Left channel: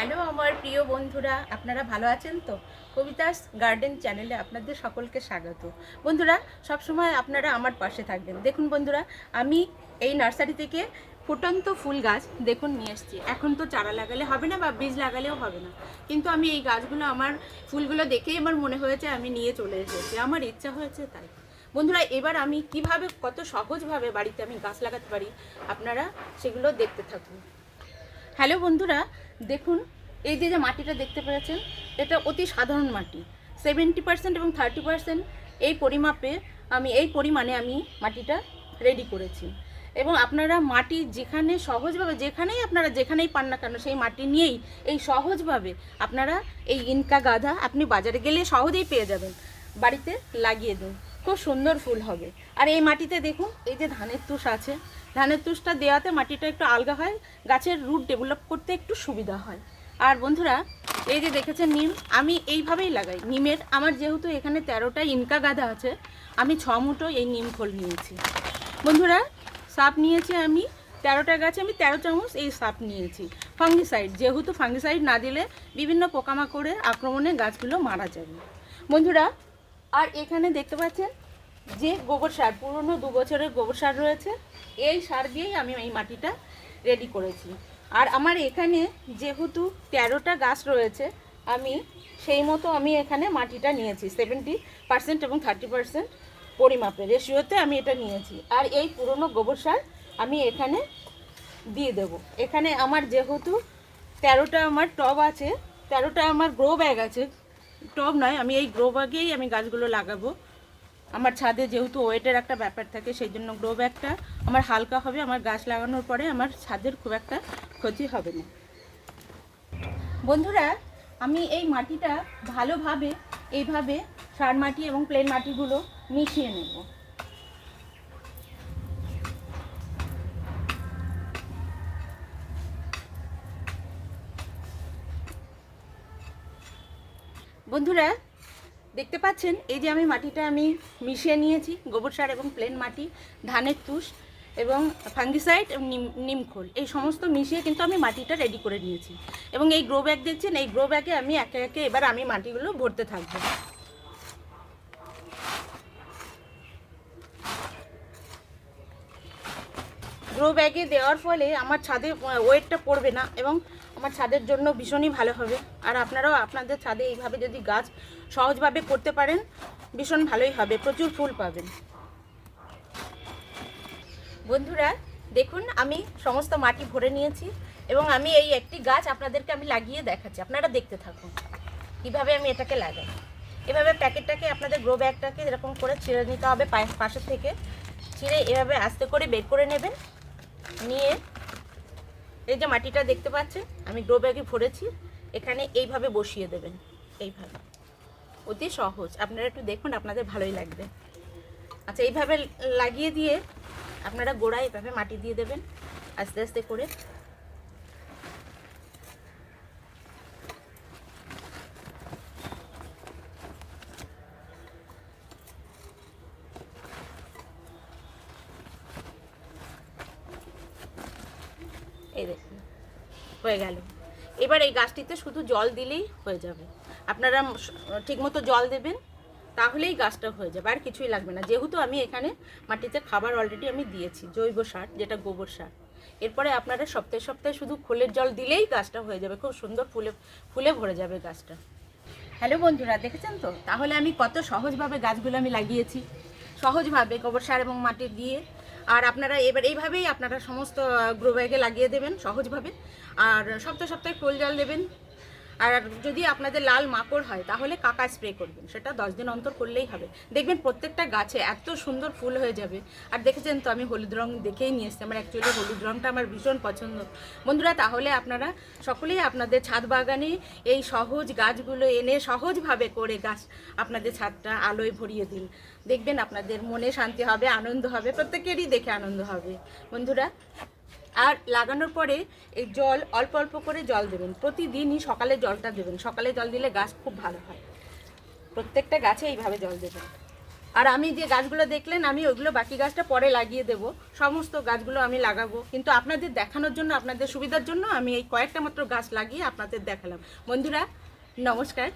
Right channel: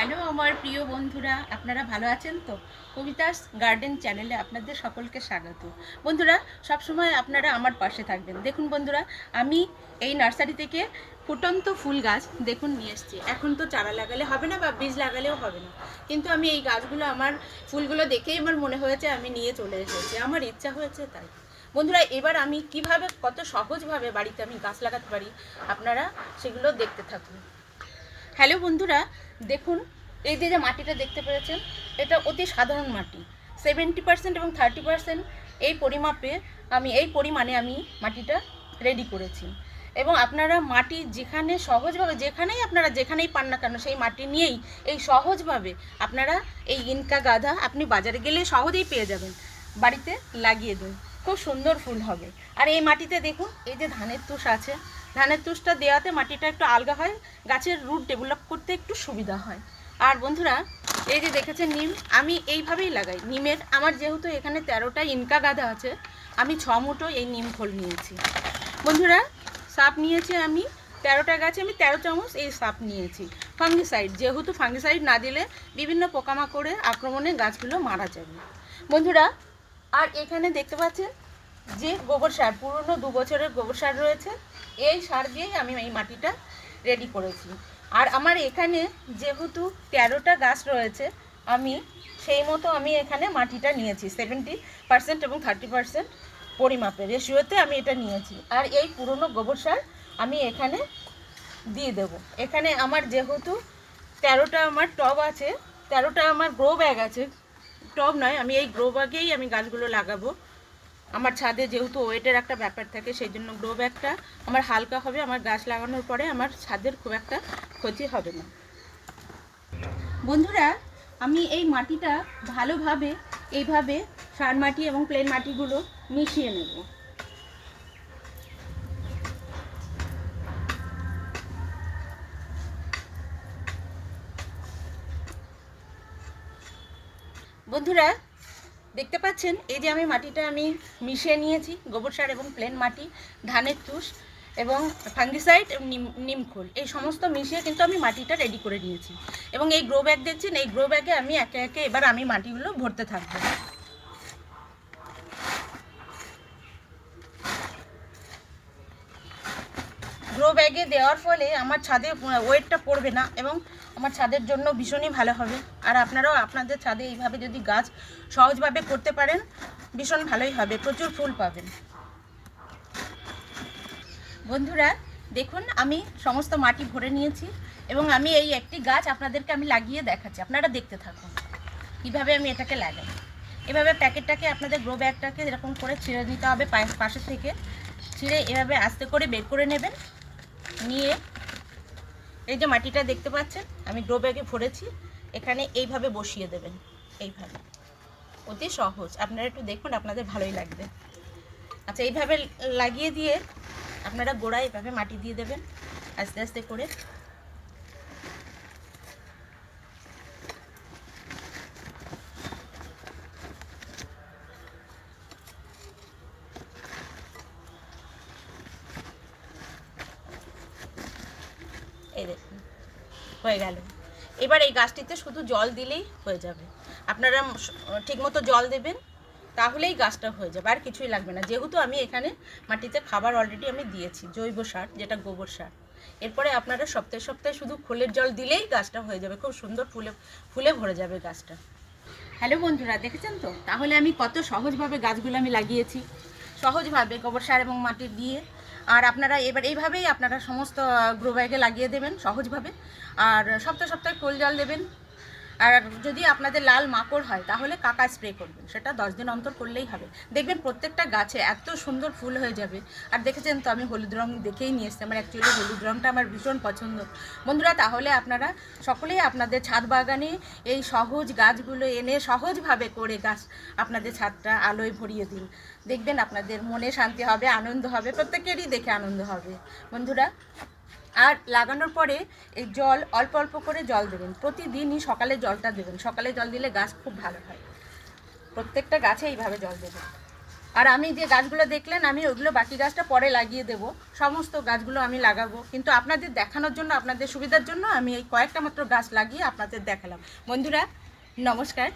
Hello আমার প্রিয় বন্ধুরা, আপনারা ভালো আছেন তো? কবিতাস গার্ডেন চ্যানেলে আপনাদের সকলকে স্বাগত। বন্ধুরা, সবসময় আপনারা আমার পাশে থাকবেন। দেখুন বন্ধুরা, আমি এই নার্সারি থেকে ফুটন্ত ফুল গাছ দেখুন নিয়ে এসেছি। এখন তো চারা লাগালে হবে না বা বীজ লাগালেও হবে না। কিন্তু আমি এই গাছগুলো, আমার ফুলগুলো দেখেই আমার মনে হয়েছে আমি নিয়ে চলে এসেছি। আমার ইচ্ছা হয়েছে তাই। বন্ধুরা, এবার আমি কীভাবে, কত সহজভাবে বাড়িতে আমি গাছ লাগাতে পারি, আপনারা সেগুলো দেখতে থাকুন। হ্যালো বন্ধুরা, দেখুন এই যে যে মাটিটা দেখতে পেরেছেন, এটা অতি সাধারণ মাটি। সেভেন্টি পার্সেন্ট এবং থার্টি পার্সেন্ট এই পরিমাপে আমি, এই পরিমাণে আমি মাটিটা রেডি করেছি। এবং আপনারা মাটি যেখানে সহজভাবে, যেখানেই আপনারা যেখানেই পান না কেন, সেই মাটি নিয়েই এই সহজভাবে আপনারা এই ইনকা গাধা আপনি বাজারে গেলে সহজেই পেয়ে যাবেন। বাড়িতে লাগিয়ে দিন। খুব সুন্দর ফুল হবে। আর এই মাটিতে দেখুন, এই যে ধানের তুষ আছে। ধানের তুষটা দেওয়াতে মাটিটা একটু আলগা হয়, গাছের রুট ডেভেলপ করতে একটু সুবিধা হয়। আর বন্ধুরা, এই যে দেখেছেন নিম, আমি এইভাবেই লাগাই। নিমের, আমার যেহেতু এখানে তেরোটা ইনকা গাধা আছে, আমি ছ মুঠো এই নিম ফল নিয়েছি। বন্ধুরা, সাপ নিয়েছি আমি, তেরোটা গাছে আমি তেরো চামচ এই সাপ নিয়েছি। ফাঙ্গিসাইড, যেহেতু ফাঙ্গিসাইড না দিলে বিভিন্ন পোকামাকড়ে আক্রমণে গাছগুলো মারা যাবে। বন্ধুরা, আর এখানে দেখতে পাচ্ছেন যে গোবর সার, পুরনো দু বছরের গোবর সার রয়েছে। এই সার দিয়েই আমি এই মাটিটা রেডি করেছি। আর আমার এখানে যেহেতু তেরোটা গাছ রয়েছে, আমি সেই মতো আমি এখানে মাটিটা নিয়েছি সেভেন্টি পার্সেন্ট এবং থার্টি পার্সেন্ট পরিমাপে। রেশিওতে আমি এটা নিয়েছি। আর এই পুরনো গোবর সার আমি এখানে দিয়ে দেব। এখানে আমার যেহেতু তেরোটা আমার টব আছে, তেরোটা আমার গ্রো ব্যাগ আছে। টব নয়, আমি এই গ্রো ব্যাগেই আমি গাছগুলো লাগাবো। আমার ছাদে যেহেতু ওয়েটের একটা ব্যাপার থাকে, সেই জন্য গ্রো ব্যাগটা আমার হালকা হবে, আমার গাছ লাগানোর পরে আমার ছাদের খুব একটা ক্ষতি হবে না। বন্ধুরা, আমি এই মাটিটা ভালোভাবে, এইভাবে সার মাটি এবং প্লেন মাটিগুলো মিশিয়ে নেব। বন্ধুরা দেখতে পাচ্ছেন, এই যে আমি মাটিটা আমি মিশিয়ে নিয়েছি, গোবর সার এবং প্লেন মাটি, ধানের তুষ এবং ফাঙ্গিসাইড এবং নিম নিমখোল এই সমস্ত মিশিয়ে কিন্তু আমি মাটিটা রেডি করে নিয়েছি। এবং এই গ্রো ব্যাগ দেখছেন, এই গ্রো ব্যাগে আমি একে একে এবার আমি মাটিগুলো ভরতে থাকব। গ্রো ব্যাগে দেওয়ার ফলে আমার ছাদে ওয়েটটা পড়বে না এবং আমার ছাদের জন্য ভীষণই ভালো হবে। আর আপনারাও আপনাদের ছাদে এইভাবে যদি গাছ সহজভাবে করতে পারেন, ভীষণ ভালোই হবে। প্রচুর ফুল পাবেন। বন্ধুরা, দেখুন, আমি সমস্ত মাটি ভরে নিয়েছি এবং আমি এই একটি গাছ আপনাদেরকে আমি লাগিয়ে দেখাচ্ছি। আপনারা দেখতে থাকুন কীভাবে আমি এটাকে লাগাই। এভাবে প্যাকেটটাকে আপনাদের গ্রো ব্যাগটাকে এরকম করে ছিঁড়ে নিতে হবে পায়ে- পাশে থেকে। ছিঁড়ে এভাবে আস্তে করে বের করে নেবেন। নিয়ে এই যে মাটিটা দেখতে পাচ্ছেন, আমি গ্রো ব্যাগে ভরেছি, এখানে এইভাবে বসিয়ে দেবেন, এইভাবে। অতি সহজ, আপনারা একটু দেখুন, আপনাদের ভালোই লাগবে। আচ্ছা এইভাবে লাগিয়ে দিয়ে আপনারা গোড়ায় এভাবে মাটি দিয়ে দেবেন, আস্তে আস্তে করে। এই দেখুন, হয়ে গেল। এবার এই গাছটিতে শুধু জল দিলেই হয়ে যাবে। আপনারা ঠিকমতো জল দেবেন, তাহলেই গাছটা হয়ে যাবে, আর কিছুই লাগবে না। যেহেতু আমি এখানে মাটিতে খাবার অলরেডি আমি দিয়েছি, জৈব সার, যেটা গোবর সার। এরপরে আপনারা সপ্তাহে সপ্তাহে শুধু খোলের জল দিলেই গাছটা হয়ে যাবে। খুব সুন্দর ফুলে ফুলে ভরে যাবে গাছটা। হ্যালো বন্ধুরা, দেখেছেন তো? তাহলে আমি কত সহজভাবে গাছগুলো আমি লাগিয়েছি। সহজভাবে গোবর সার এবং মাটি দিয়ে আর আপনারা এবার এইভাবেই আপনারা সমস্ত গ্রো ব্যাগে লাগিয়ে দেবেন সহজভাবে। আর সপ্তাহে সপ্তাহে কোল জাল দেবেন। আর যদি আপনাদের লাল মাকড় হয়, তাহলে কাকা স্প্রে করবেন। সেটা দশ দিন অন্তর করলেই হবে। দেখবেন প্রত্যেকটা গাছে এত সুন্দর ফুল হয়ে যাবে। আর দেখেছেন তো, আমি হলুদ রং দেখেই নিয়ে এসেছি। আমার অ্যাকচুয়ালি হলুদ রংটা আমার ভীষণ পছন্দ। বন্ধুরা, তাহলে আপনারা সকলেই আপনাদের ছাদ বাগানে এই সহজ গাছগুলো এনে সহজভাবে করে গাছ আপনাদের ছাদটা আলোয় ভরিয়ে দিন। দেখবেন আপনাদের মনে শান্তি হবে, আনন্দ হবে, প্রত্যেকেরই দেখে আনন্দ হবে। বন্ধুরা আর লাগানোর পরে এই জল, অল্প অল্প করে জল দেবেন। প্রতিদিনই সকালে জলটা দেবেন। সকালে জল দিলে গাছ খুব ভালো হয়। প্রত্যেকটা গাছে এইভাবে জল দেবেন। আর আমি যে গাছগুলো দেখলেন, আমি ওইগুলো বাকি গাছটা পরে লাগিয়ে দেব। সমস্ত গাছগুলো আমি লাগাবো। কিন্তু আপনাদের দেখানোর জন্য, আপনাদের সুবিধার জন্য আমি এই কয়েকটা মাত্র গাছ লাগিয়ে আপনাদের দেখালাম। বন্ধুরা, নমস্কার।